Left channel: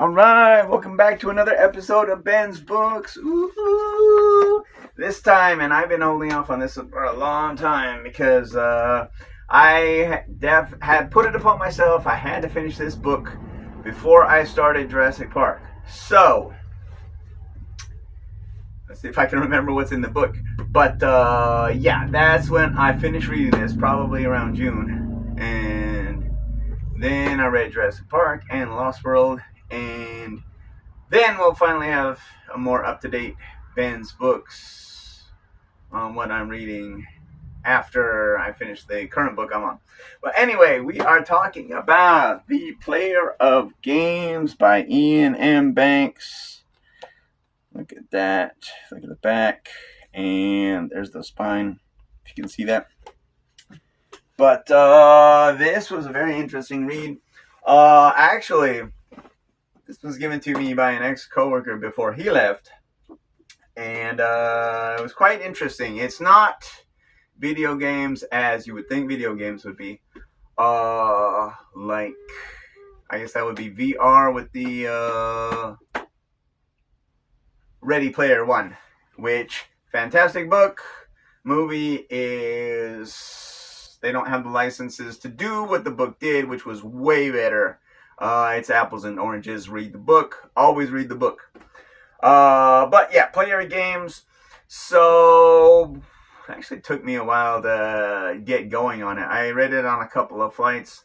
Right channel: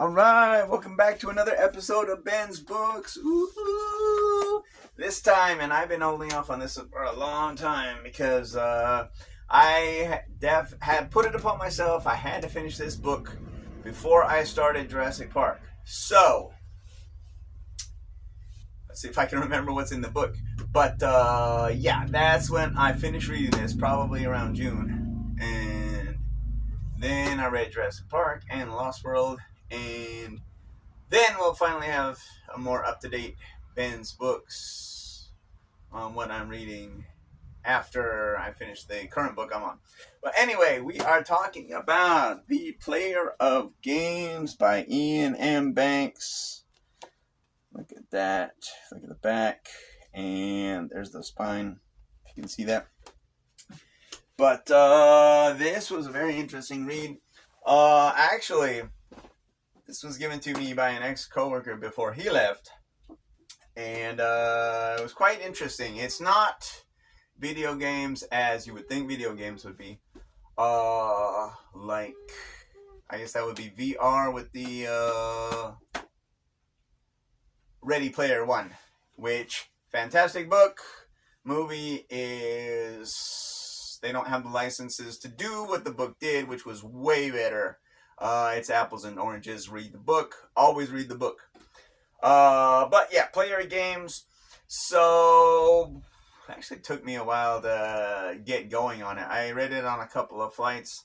Alright, welcome back to another episode of Ben's Books. Ooh, this time, and I've been holding off on this for a long time because I had put it upon myself. I had to finish this book before I started Jurassic Park. So, let's see if I can remember what's in the book. But yeah, that's when I finished reading this, probably around June. And then I read Jurassic Park and Lost World. And then we'll finally have a more up-to-date Ben's Books on what I'm reading after I finish the current book I'm on. But anyway, we are talking about The Player of Games by Iain M. Banks. Look at that. Look at the back. And there's the spine, if you can see that. But this was a very interesting read. Actually, this was given to me by an ex-coworker before he left, and it was quite interesting. It's not video games as you would think video games would be. Like, I guess that would be VR with the Ready Player One, which, fantastic book. Movie is, they don't have the licenses to do what the book did, which was way better. It's apples and oranges. Read the book. Always read the book. But yeah, Player Games. So, it actually took me a while to get going on it. I read it on a couple of flights.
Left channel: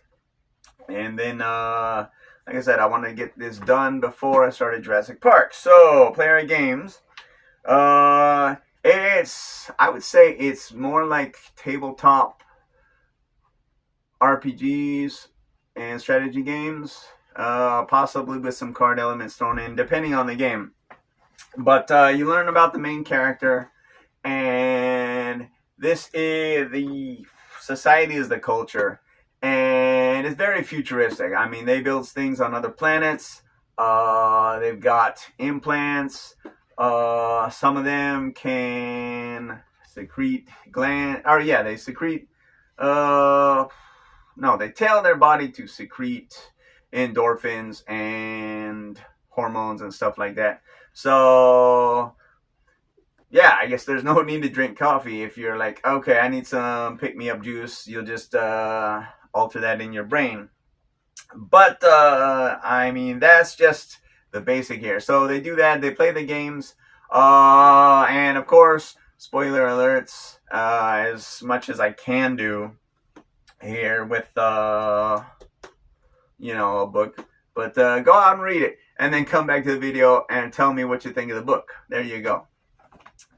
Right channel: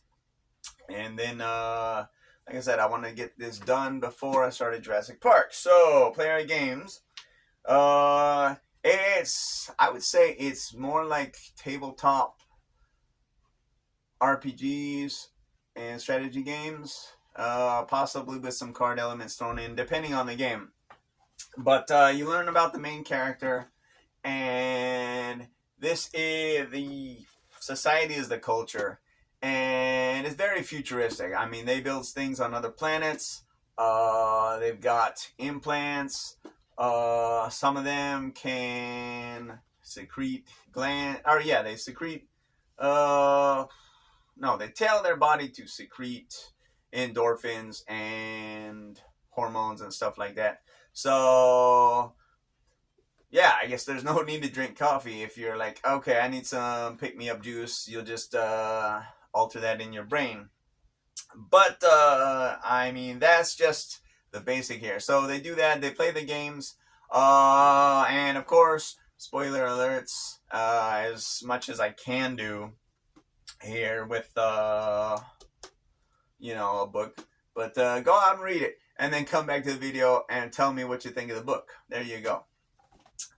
And then, like I said, I wanted to get this done before I started Jurassic Park. So, Player Games. I would say it's more like tabletop RPGs and strategy games, possibly with some card elements thrown in, depending on the game. But you learn about the main character, and this is the society is the culture, and it's very futuristic. I mean, they build things on other planets. They've got implants. Some of them can secrete they secrete. No, they tell their body to secrete endorphins and hormones and stuff like that. So, yeah, I guess there's no need to drink coffee if you're like, okay, I need some pick-me-up juice. You'll just alter that in your brain. But, I mean, that's just the basic here. So they do that. They play the games. And, of course, spoiler alerts, as much as I can do here with a book, but go out and read it and then come back to the video and tell me what you think of the book. There you go.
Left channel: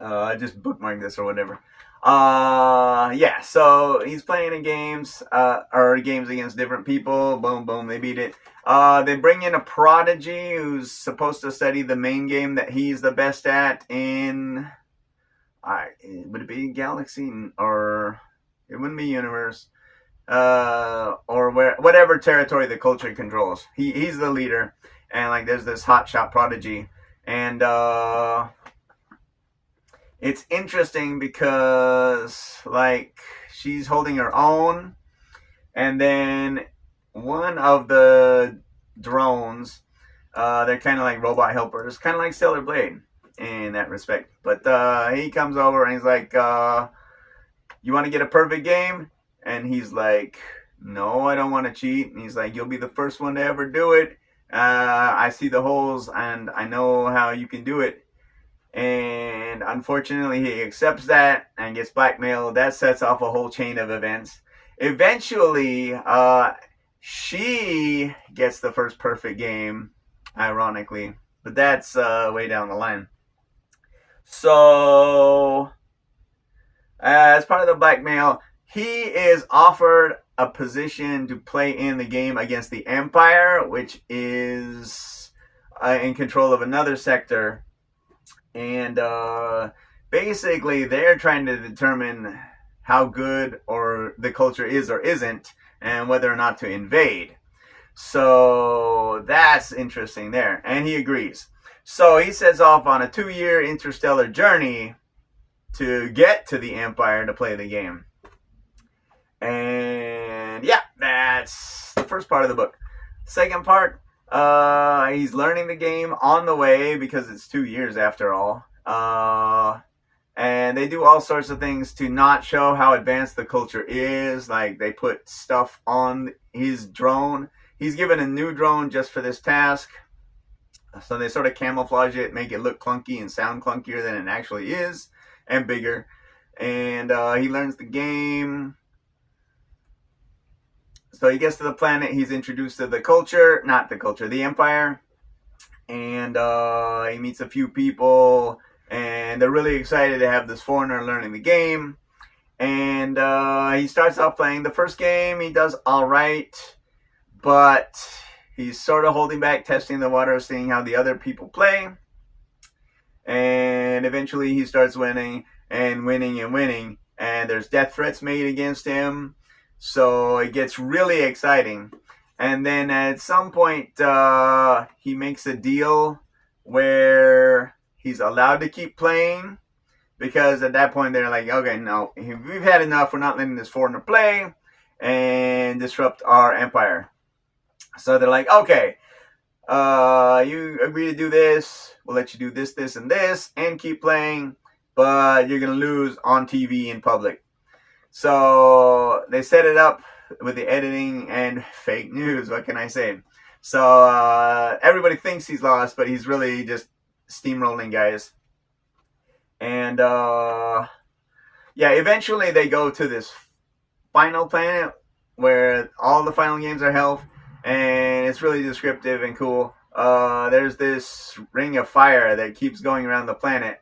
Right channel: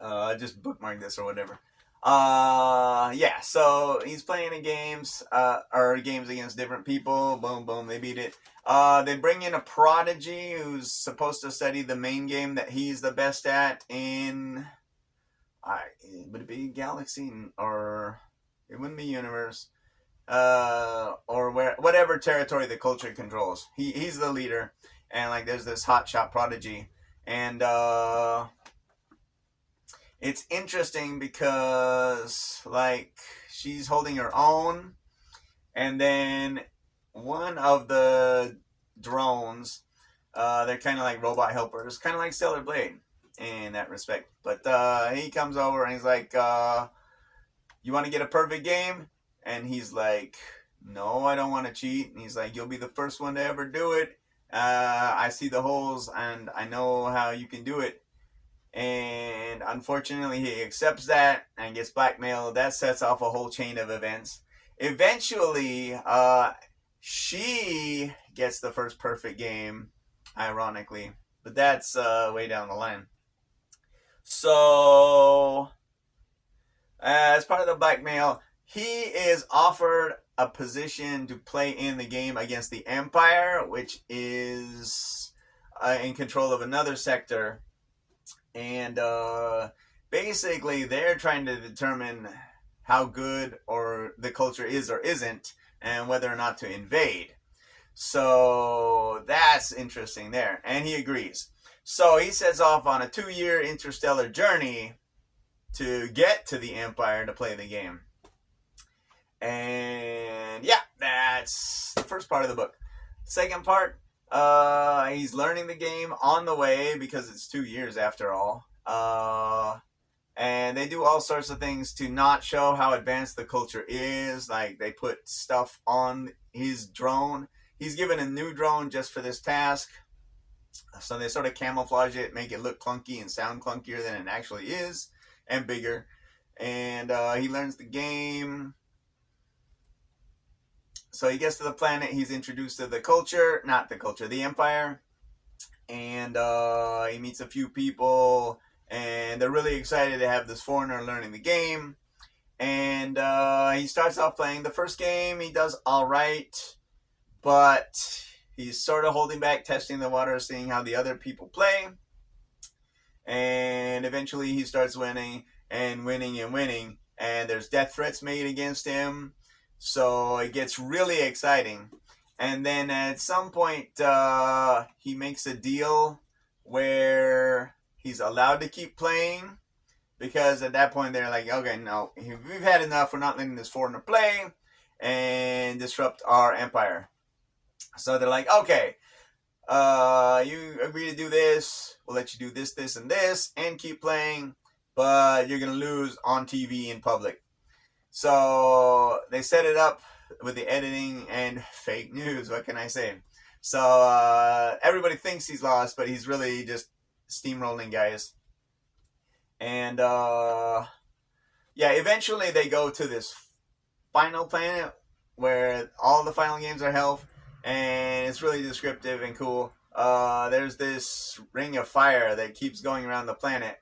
I just bookmarked this or whatever. Yeah, so he's playing in games or games against different people. Boom boom, they beat it. They bring in a prodigy who's supposed to study the main game that he's the best at in would it be Galaxy, or it wouldn't be Universe, or whatever territory the culture controls. He's the leader, and like there's this hotshot prodigy, and it's interesting because like she's holding her own, and then one of the drones, they're kind of like robot helpers, kind of like Stellar Blade in that respect. But he comes over and he's like, you want to get a perfect game? And he's like, no, I don't want to cheat. And he's like, you'll be the first one to ever do it. I see the holes and I know how you can do it. And unfortunately, he accepts that and gets blackmailed. That sets off a whole chain of events. Eventually, she gets the first perfect game, ironically. But that's way down the line. So, as part of the blackmail, he is offered a position to play in the game against the Empire, which is in control of another sector. And basically, they're trying to determine how good or the culture is or isn't, and whether or not to invade. So that's interesting there. And he agrees. So he sets off on a 2-year interstellar journey to get to the Empire to play the game. And yeah, that's the first part of the book. Second part, He's learning the game on the way because it's 2 years after all. And they do all sorts of things to not show how advanced the culture is. Like they put stuff on his drone. He's given a new drone just for this task. So they sort of camouflage it, make it look clunky and sound clunkier than it actually is, and bigger. And he learns the game. So he gets to the planet. He's introduced to the culture, not the culture, the Empire. And he meets a few people. And they're really excited to have this foreigner learning the game. And he starts off playing the first game. He does all right. But he's sort of holding back, testing the water, seeing how the other people play. And eventually he starts winning and winning and winning. And there's death threats made against him. So it gets really exciting. And then at some point, he makes a deal where he's allowed to keep playing. Because at that point, they're like, okay, no, we've had enough. We're not letting this foreigner play and disrupt our empire. So they're like, okay, you agree to do this. We'll let you do this, this, and this, and keep playing. But you're going to lose on TV in public. So they set it up with the editing and fake news. What can I say? So everybody thinks he's lost, but he's really just steamrolling guys. And yeah, eventually they go to this final planet where all the final games are held. And it's really descriptive and cool. There's this ring of fire that keeps going around the planet.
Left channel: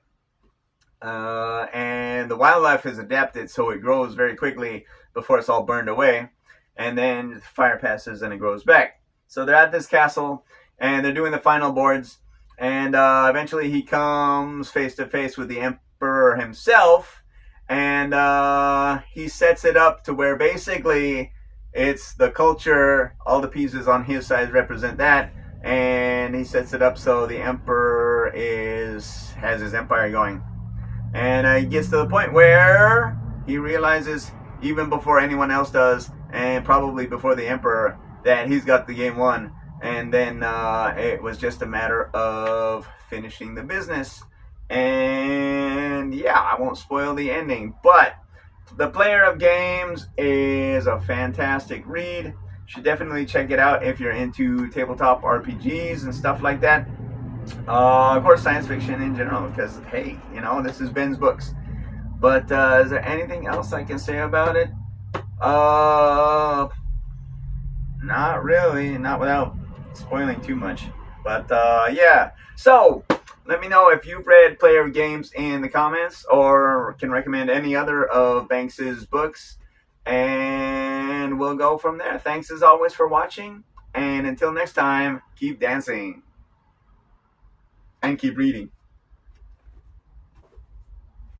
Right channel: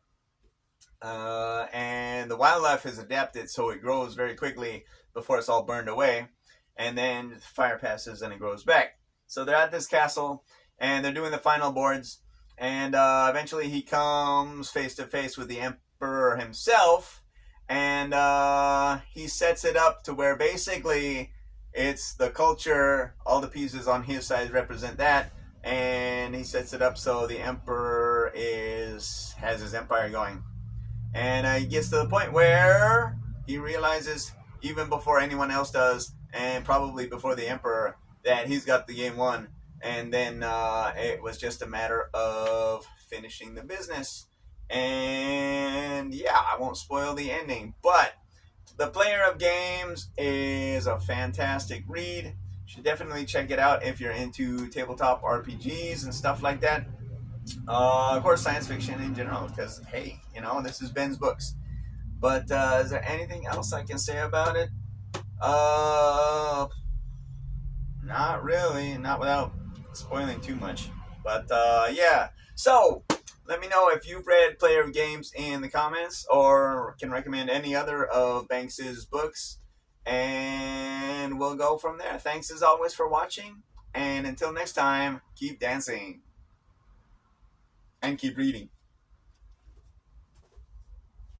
And the wildlife has adapted so it grows very quickly before it's all burned away. And then fire passes and it grows back. So they're at this castle and they're doing the final boards. And eventually he comes face to face with the emperor himself. And he sets it up to where basically it's the culture, all the pieces on his side represent that, and he sets it up so the emperor has his empire going. And he gets to the point where he realizes, even before anyone else does, and probably before the emperor, that he's got the game won. And then it was just a matter of finishing the business. And yeah, I won't spoil the ending, but The Player of Games is a fantastic read. You should definitely check it out if you're into tabletop RPGs and stuff like that. Of course, science fiction in general, because, hey, you know, this is Ben's books. But is there anything else I can say about it? Not really. Not without spoiling too much. But yeah. So let me know if you've read Player of Games in the comments, or can recommend any other of Banks's books, and we'll go from there. Thanks as always for watching, and until next time, keep dancing and keep reading.